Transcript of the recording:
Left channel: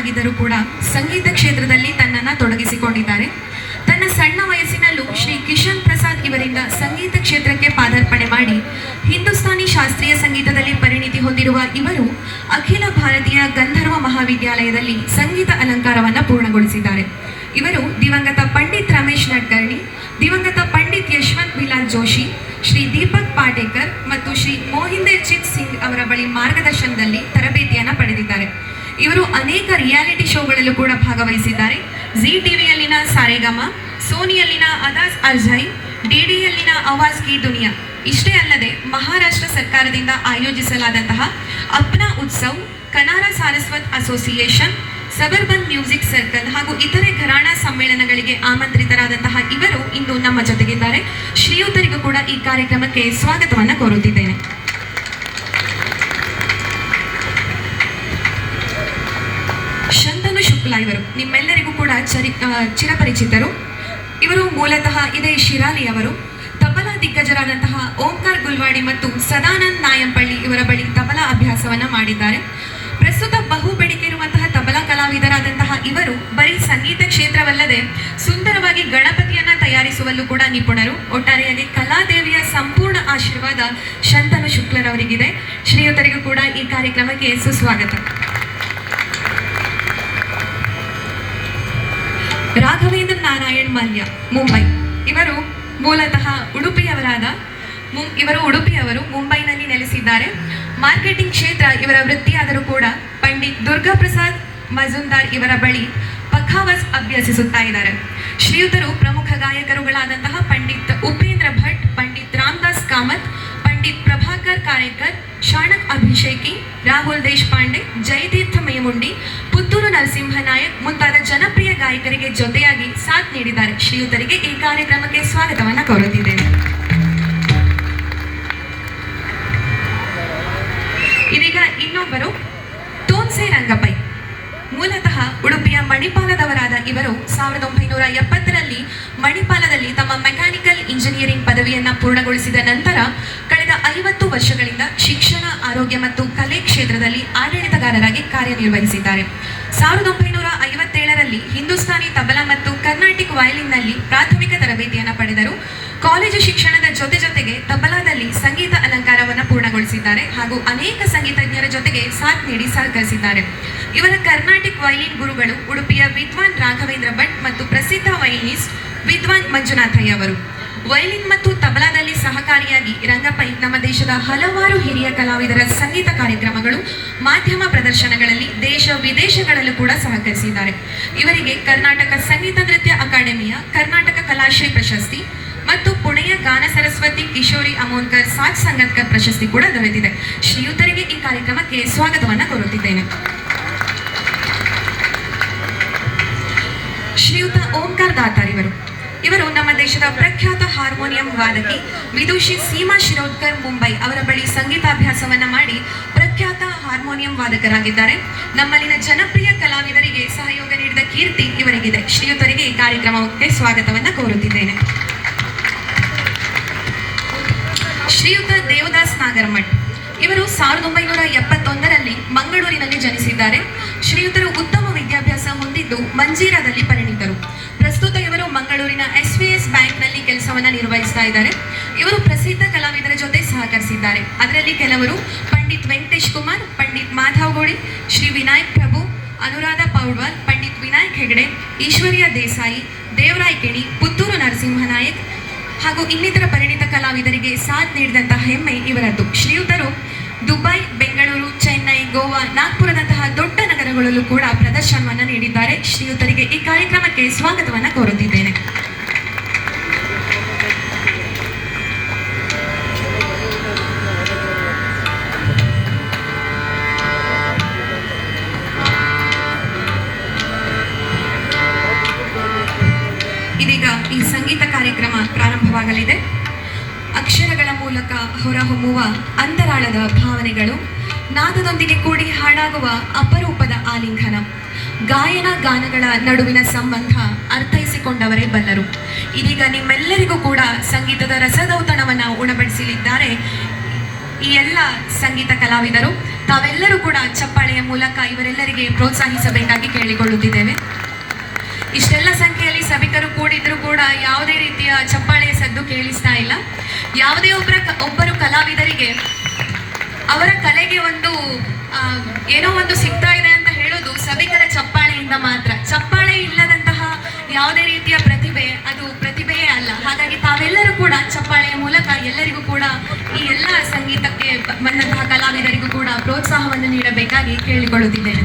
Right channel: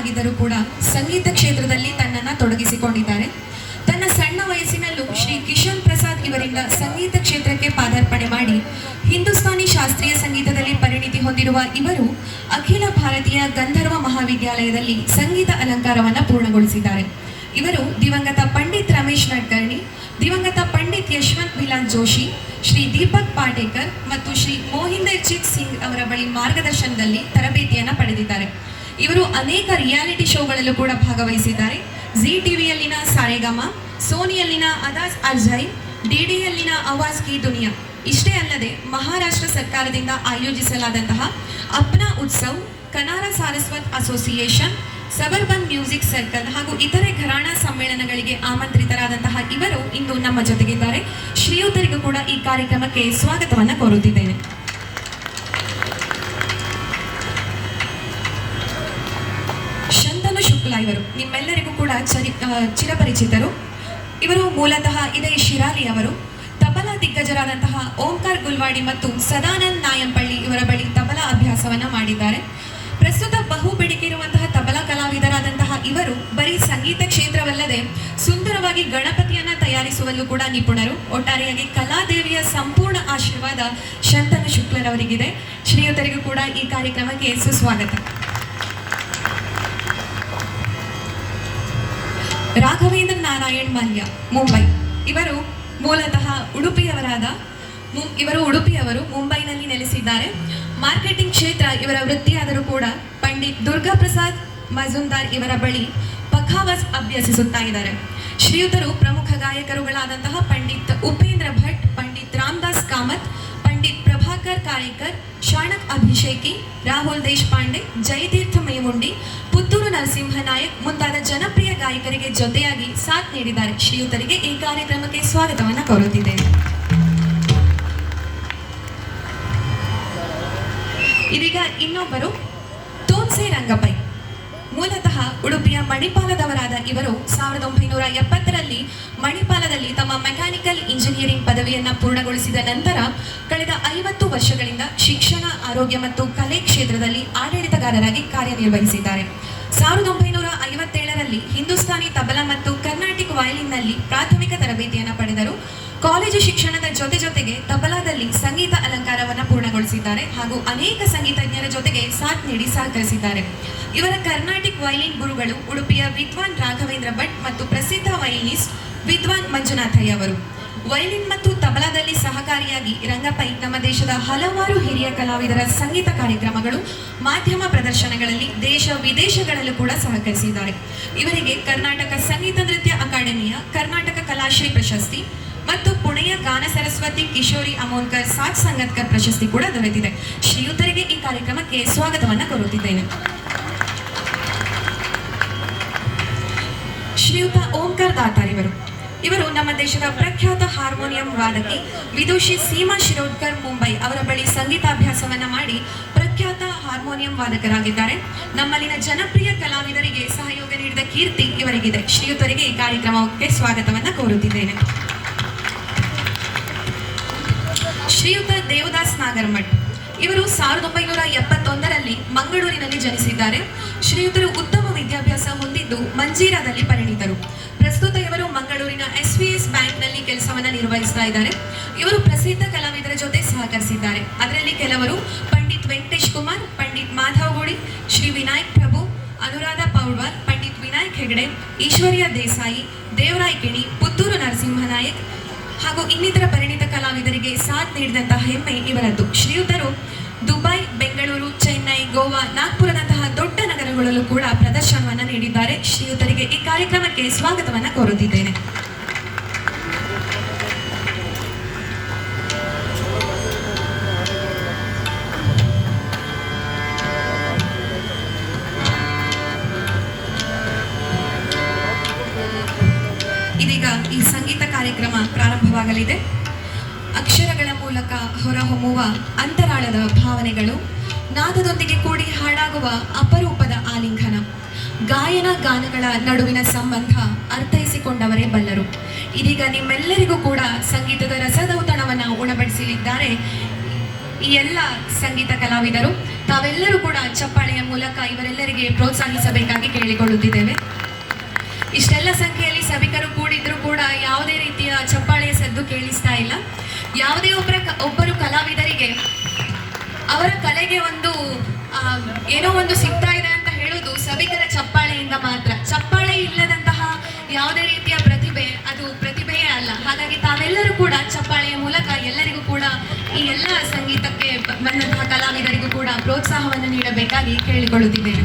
ಆಗಿದ್ದರೂ ಕೂಡ ಸಂಗೀತ ಕ್ಷೇತ್ರದಲ್ಲಿ ತನ್ನನ್ನು ತೊಡಗಿಸಿಕೊಂಡಿದ್ದಾರೆ. ತನ್ನ ಸಣ್ಣ ವಯಸ್ಸಿನಲ್ಲೂ ಶ್ರೀ ಕಿಶನ್ ಪ್ರಸಾದ್ ಇವರಿಂದ ಸಂಗೀತ ಕ್ಷೇತ್ರಕ್ಕೆ ಪಾದಾರ್ಪಣೆ ಮಾಡಿ ಹಿಂದೂಸ್ತಾನಿ ಶಾಸ್ತ್ರೀಯ ಸಂಗೀತದಲ್ಲಿ ಪರಿಣಿತಿ ಹೊಂದಿರುವ ಇವರು ಅಖಿಲ ಭಾರತೀಯ ಗಂಧರ್ವ ಮಹಾವಿದ್ಯಾಲಯದಲ್ಲಿ ಸಂಗೀತ ಅಲಂಕಾರವನ್ನು ಪೂರ್ಣಗೊಳಿಸಿದ್ದಾರೆ. ಇವರು ದಿವಂಗತ ಪಂಡಿತ್ ರಮೇಶ್ ನಡ್ಕರ್ಣಿ, ದಿವಂಗತ ಪಂಡಿತ್ ಯಶವಂತ್ ಬಿಲಾಲ್ ಜೋಶಿ, ಶ್ರೀ ದೀಪಕ್ ಪಾಟೇಕರ್ ಮತ್ತು ಶ್ರೀ ಮೋಹಿಂದರ್ ಜಿತ್ ಸಿಂಗ್ ಅವರ ಬಳಿ ಮಾರ್ಗದರ್ಶನದಲ್ಲಿ ತರಬೇತಿಯನ್ನು ಪಡೆದಿದ್ದಾರೆ. ಇವರು ಅನೇಕ ರಿಯಾಲಿಟಿ ಶೋಗಳಲ್ಲೂ ಕೂಡ ಭಾಗವಹಿಸಿದ್ದಾರೆ. ಜಿ ಟಿವಿಯಲ್ಲಿನ ಸಾರೆಗಮ, ಸೋನಿಯಲ್ಲಿನ ಅದಾಜ್ ಅರ್ಜೈ, ಡಿಡಿಯಲ್ಲಿನ ಆವಾಜ್ ಕಿ ದುನಿಯಾ. ಇಷ್ಟೇ ಅಲ್ಲದೆ ಮಹಾರಾಷ್ಟ್ರ ಸರ್ಕಾರದಿಂದ ಆಯೋಜಿಸಲಾದಂತಹ Apna Utsav, Kanara Saraswat association, suburban music circle ಹಾಗೂ ಇತರೆ ಘರಾಣಾ ಸಮ್ಮೇಳನಗಳಿಗೆ ಆಮಂತ್ರಿತರಾದಂತಹ ಇವರು ಇಂದು ನಮ್ಮ ಜೊತೆಗಿದ್ದಾರೆ. ಶ್ರೀಯುತರಿಗೂ ಕೂಡ ಈ ಕಾರ್ಯಕ್ರಮಕ್ಕೆ ಸ್ವಾಗತವನ್ನು ಕೋರುತ್ತಿದ್ದೇನೆ. ಶಂತನು ಶುಕ್ಲಾ ಇವರು ನಿಮ್ಮೆಲ್ಲರಿಗೂ ಕೂಡ ಚಿರಪರಿಚಿತರು. ಇವರು ಮೂಲತಃ ಇದೇ ಶಿರಾಲಿಯವರು. ತಬಲಾ ದಿಗ್ಗಜರಾದಂತಹ ಓಂಕಾರ್ ಗುಲ್ವಾಡಿ ಮತ್ತು ಸದಾನಂದ್ ನಾಯಂಪಳ್ಳಿ ಇವರ ಬಳಿ ತಬಲಾ ಅಭ್ಯಾಸವನ್ನ ಮಾಡಿದ್ದಾರೆ. ಪ್ರಸ್ತುತ ಬಹು ಬೇಡಿಕೆ ಇರುವಂತಹ ತಬಲಾ ಕಲಾವಿದರಾದಂತಹ ಇವರು ಬರೀ ಸಂಗೀತ ಕ್ಷೇತ್ರವಲ್ಲದೆ ಸುಂದರವಾಗಿ ಗಣಪತಿಯನ್ನ ತಯಾರಿಸುವಲ್ಲೂ ಕೂಡ ನಿಪುಣರು. ಒಟ್ಟಾರೆಯಾಗಿ ಕಲಾದೇವಿಯ ಸಂಪೂರ್ಣ ಆಶೀರ್ವಾದ ಶಂತನು ಶುಕ್ಲರವರಿಗಿದೆ. ಶ್ರೀಯುತರಿಗೂ ಕೂಡ ಈ ಕಾರ್ಯಕ್ರಮಕ್ಕೆ ಸುಸ್ವಾಗತ. ರಾಘವೇಂದ್ರ ನಾರಾಯಣ್ ಮಲ್ಯ, ಮುಂಬೈ. ಇವರು ಮೂಲತಃ ಉಡುಪಿಯವರು, ಮುಂಬೈನಲ್ಲಿ ನೆಲೆಸಿದ್ದಾರೆ. ಮಾರ್ಕೆಟಿಂಗ್ ಕ್ಷೇತ್ರ ಇವರ ವೃತ್ತಿಯಾದರೂ ಕೂಡ ಪಂಡಿತ್ ದುರ್ಗಾ ಪ್ರಸಾದ್ ಮಜುಂದಾರ್ ಇವರ ಬಳಿ ಪಖಾವಸ್ ಅಭ್ಯಸಿಸುತ್ತಾ ಇದ್ದಾರೆ. ಶ್ರೀಯುತರು ಪ್ರಮುಖ ಗಾಯಕರುಗಳಾದಂತಹ ಪಂಡಿತ್ ಉಪೇಂದ್ರ ಭಟ್, ಪಂಡಿತ್ ರಾಮದಾಸ್ ಕಾಮತ್, ಪಂಡಿತ್ ಪ್ರಭಾಕರ್ ಕಾರೇಕರ್, ಶಾಣಕ್ ಅಭಿಷೇಕಿ, ರಾಹುಲ್ ದೇಶಪಾಂಡೆ, ಜಯತೀರ್ಥ ಮೇಮುಂಡಿ, ಪುತ್ತೂರು ನರಸಿಂಹ ನಾಯಕ್ ಮುಂತಾದ ಜನಪ್ರಿಯ ಗಾಯಕರಿಗೆ ಜೊತೆಯಾಗಿ ಸಾಥ್ ನೀಡಿದ್ದಾರೆ. ಶ್ರೀಯುತರಿಗೆ ಈ ಕಾರ್ಯಕ್ರಮಕ್ಕೆ ಸ್ವಾಗತವನ್ನು ಕೋರುತ್ತಿದ್ದೇನೆ. ಇದೀಗ ಇನ್ನೊಬ್ಬರು ತೋನ್ಸೆ ರಂಗಪೈ. ಮೂಲತಃ ಉಡುಪಿಯ ಮಣಿಪಾಲದವರಾದ ಇವರು 1970ರಲ್ಲಿ ಮಣಿಪಾಲದಲ್ಲಿ ತಮ್ಮ ಮೆಕ್ಯಾನಿಕಲ್ ಇಂಜಿನಿಯರಿಂಗ್ ಪದವಿಯನ್ನು ಪೂರ್ಣಗೊಳಿಸಿದ ನಂತರ ಕಳೆದ 50 ವರ್ಷಗಳಿಂದ ಶಿಕ್ಷಣ, ಆರೋಗ್ಯ ಮತ್ತು ಕಲೆ ಕ್ಷೇತ್ರದಲ್ಲಿ ಆಡಳಿತಗಾರರಾಗಿ ಕಾರ್ಯನಿರ್ವಹಿಸಿದ್ದಾರೆ. 1957ರಲ್ಲಿ ಹಿಂದೂಸ್ತಾನಿ ತಬಲಾ ಮತ್ತು ಕರ್ನಾಟಿಕ್ ವಯಲಿನ್ನಲ್ಲಿ ಪ್ರಾಥಮಿಕ ತರಬೇತಿಯನ್ನು ಪಡೆದರು. ಕಾಲೇಜು ಶಿಕ್ಷಣದ ಜೊತೆಗೆ ತಬಲಾದಲ್ಲಿ ಸಂಗೀತ ಅಲಂಕಾರವನ್ನು ಪೂರ್ಣಗೊಳಿಸಿದ್ದಾರೆ ಹಾಗೂ ಅನೇಕ ಸಂಗೀತಜ್ಞರ ಜೊತೆಗೆ ಸಾಥ್ ನೀಡಿ ಸಹಕರಿಸಿದ್ದಾರೆ. ಇವರ ಕರ್ನಾಟಿಕ್ ವಯಲಿನ್ ಗುರುಗಳು ಉಡುಪಿಯ ವಿದ್ವಾನ್ ರಾಘವೇಂದ್ರ ಭಟ್ ಮತ್ತು ಪ್ರಸಿದ್ಧ ವಯಲಿನಿಸ್ಟ್ ವಿದ್ವಾನ್ ಮಂಜುನಾಥಯ್ಯ ಅವರು. ವಯಲಿನ್ ಮತ್ತು ತಬಲಾದಲ್ಲಿ ಸಹಕಾರಿಯಾಗಿ ರಂಗಪೈ ನಮ್ಮ ದೇಶದ ಹಲವಾರು ಹಿರಿಯ ಕಲಾವಿದರ ಸಂಗೀತ ಕಾರ್ಯಕ್ರಮಗಳು, ಮಾಧ್ಯಮ ಪ್ರದರ್ಶನಗಳಲ್ಲಿ ದೇಶ ವಿದೇಶಗಳಲ್ಲೂ ಕೂಡ ಸಹಕರಿಸಿದ್ದಾರೆ. ಇವರಿಗೆ ಕರ್ನಾಟಕ ಸಂಗೀತ ನೃತ್ಯ ಅಕಾಡೆಮಿಯ ಕರ್ನಾಟಕ ಕಲಾಶ್ರೀ ಪ್ರಶಸ್ತಿ ಮತ್ತು ಪುಣೆಯ ಗಾನ ಸರಸ್ವತಿ ಕಿಶೋರಿ ಅಮೋನ್ಕರ್ ಸಾಥ್ ಸಂಗತ್ಕರ್ ಪ್ರಶಸ್ತಿ ಕೂಡ ದೊರೆತಿದೆ. ಶ್ರೀಯುತರಿಗೆ ಈ ಕಾರ್ಯಕ್ರಮಕ್ಕೆ ಸ್ವಾಗತವನ್ನು ಕೋರುತ್ತಿದ್ದೇನೆ. ಶ್ರೀಯುತ ಓಂಕಾರ್ ದಾತಾರ್ ಇವರು ನಮ್ಮ ದೇಶದ ಪ್ರಖ್ಯಾತ ಹಾರ್ಮೋನಿಯಂ ವಾದಕಿ ವಿದುಷಿ ಸೀಮಾ ಶಿರೋಡ್ಕರ್ ಮುಂಬೈ ಅವರ ಬಳಿ ಸಂಗೀತಾಭ್ಯಾಸವನ್ನ ಮಾಡಿ ಪ್ರಖ್ಯಾತ ಹಾರ್ಮೋನಿಯಂ ವಾದಕರಾಗಿದ್ದಾರೆ. ನಮ್ಮಲ್ಲಿನ ಜನಪ್ರಿಯ ಕಲಾವಿದರಿಗೆ ಸಹಯೋಗ ನೀಡಿದ ಕೀರ್ತಿ ಇವರಿಗಿದೆ. ಶ್ರೀಯುತರಿಗೆ ಈ ಕಾರ್ಯಕ್ರಮಕ್ಕೆ ಸ್ವಾಗತವನ್ನ ಕೋರುತ್ತಿದ್ದೇನೆ. ಶ್ರೀಯುತ ದೇವದಾಸ್ ನಾಗರಮಠ್ ಇವರು 1971ರಲ್ಲಿ ಮಂಗಳೂರಿನಲ್ಲಿ ಜನಿಸಿದ್ದಾರೆ. ಶ್ರೀಯುತರು ಉತ್ತಮ ವಿದ್ಯಾಭ್ಯಾಸ ಹೊಂದಿದ್ದು ಮಂಜೀರಾದಲ್ಲಿ ಪರಿಣಿತರು. ಪ್ರಸ್ತುತ ಇವರು ಮಂಗಳೂರಿನ SVS ಬ್ಯಾಂಕ್ನಲ್ಲಿ ಕೆಲಸವನ್ನು ನಿರ್ವಹಿಸ್ತಾ ಇದ್ದಾರೆ. ಇವರು ಪ್ರಸಿದ್ಧ ಕಲಾವಿದರ ಜೊತೆ ಸಹಕರಿಸಿದ್ದಾರೆ. ಅದರಲ್ಲಿ ಕೆಲವರು ಪಂಡಿತ್ ವೆಂಕಟೇಶ್ ಕುಮಾರ್, ಪಂಡಿತ್ ಮಾಧವ್ ಗೋಡಿ, ಶ್ರೀ ವಿನಾಯಕ್ ಪ್ರಭು, ಅನುರಾಧ ಪೌಡ್ವಾಲ್, ಪಂಡಿತ್ ವಿನಾಯಕ್ ಹೆಗಡೆ, ಈಶ್ವರ್ಯ ದೇಸಾಯಿ, ದೇವರಾಯ್ ಕಿಣಿ, ಪುತ್ತೂರು ನರಸಿಂಹ ನಾಯಕ್ ಹಾಗೂ ಇನ್ನಿತರ ಪರಿಣಿತ ಕಲಾವಿದರಿಗೆ ಸಾಥ್ ನೀಡಿದಂತಹ ಹೆಮ್ಮೆ ಇವರದ್ದು. ಶ್ರೀಯುತರು ದುಬೈ, ಬೆಂಗಳೂರು, ಚೆನ್ನೈ, ಗೋವಾ, ನಾಗ್ಪುರದಂತಹ ದೊಡ್ಡ ನಗರಗಳಲ್ಲೂ ಕೂಡ ಪ್ರದರ್ಶನವನ್ನು ನೀಡಿದ್ದಾರೆ. ಶ್ರೀಯುತರಿಗೆ ಈ ಕಾರ್ಯಕ್ರಮಕ್ಕೆ ಸ್ವಾಗತವನ್ನು ಕೋರುತ್ತಿದ್ದೇನೆ. ಇದೀಗ ಈ ಸಂಗೀತ ಕಾರ್ಯಕ್ರಮ ಪ್ರಾರಂಭವಾಗಲಿದೆ. ಅಕ್ಷರಗಳ ಮೂಲಕ ಹೊರಹೊಮ್ಮುವ ಅಂತರಾಳದ ಭಾವನೆಗಳು, ನಾದದೊಂದಿಗೆ ಕೂಡಿ ಹಾಡಾಗುವ ಅಪರೂಪದ ಆಲಿಂಗನ, ಗಾಯನ ಗಾನಗಳ ನಡುವಿನ ಸಂಬಂಧ ಅರ್ಥೈಸಿಕೊಂಡವರೇ ಬಲ್ಲರು. ಇದೀಗ ನಿಮ್ಮೆಲ್ಲರಿಗೂ ಕೂಡ ಸಂಗೀತದ ರಸದೌತಣವನ್ನು ಉಣಬಡಿಸಲಿದ್ದಾರೆ ಈ ಎಲ್ಲ ಸಂಗೀತ ಕಲಾವಿದರು ತಾವೆಲ್ಲರೂ ಕೂಡ ಚಪ್ಪಾಳೆಯ ಮೂಲಕ ಇವರೆಲ್ಲರಿಗೆ ಪ್ರೋತ್ಸಾಹಿಸಬೇಕಾಗಿ ಕೇಳಿಕೊಳ್ಳುತ್ತಿದ್ದೇವೆ. ಇಷ್ಟೆಲ್ಲ ಸಂಖ್ಯೆಯಲ್ಲಿ ಸಭಿಕರು ಕೂಡಿದ್ರು ಕೂಡ ಯಾವುದೇ ರೀತಿಯ ಚಪ್ಪಾಳೆಯ ಸದ್ದು ಕೇಳಿಸ್ತಾ ಇಲ್ಲ. ಯಾವುದೇ ಒಬ್ಬರು ಕಲಾವಿದರಿಗೆ ಅವರ ಕಲೆಗೆ ಒಂದು ಏನೋ ಒಂದು ಸಿಗ್ತಾ ಇದೆ ಅಂತ ಹೇಳೋದು ಸಭಿಕರ ಚಪ್ಪಾಳೆಯಿಂದ ಮಾತ್ರ. ಚಪ್ಪಾಳೆ ಇಲ್ಲದಂತಹ ಯಾವುದೇ ರೀತಿಯ ಪ್ರತಿಭೆ ಅದು ಪ್ರತಿಭೆಯೇ ಅಲ್ಲ. ಹಾಗಾಗಿ ತಾವೆಲ್ಲರೂ ಕೂಡ ಚಪ್ಪಾಳೆಯ ಮೂಲಕ ಎಲ್ಲರಿಗೂ ಕೂಡ ಈ ಎಲ್ಲ ಸಂಗೀತಕ್ಕೆ ಬಂದಂತಹ ಕಲಾವಿದರಿಗೂ ಕೂಡ ಪ್ರೋತ್ಸಾಹವನ್ನು ನೀಡಬೇಕಾಗಿ ಕೇಳಿಕೊಳ್ಳುತ್ತಿದ್ದೇನೆ.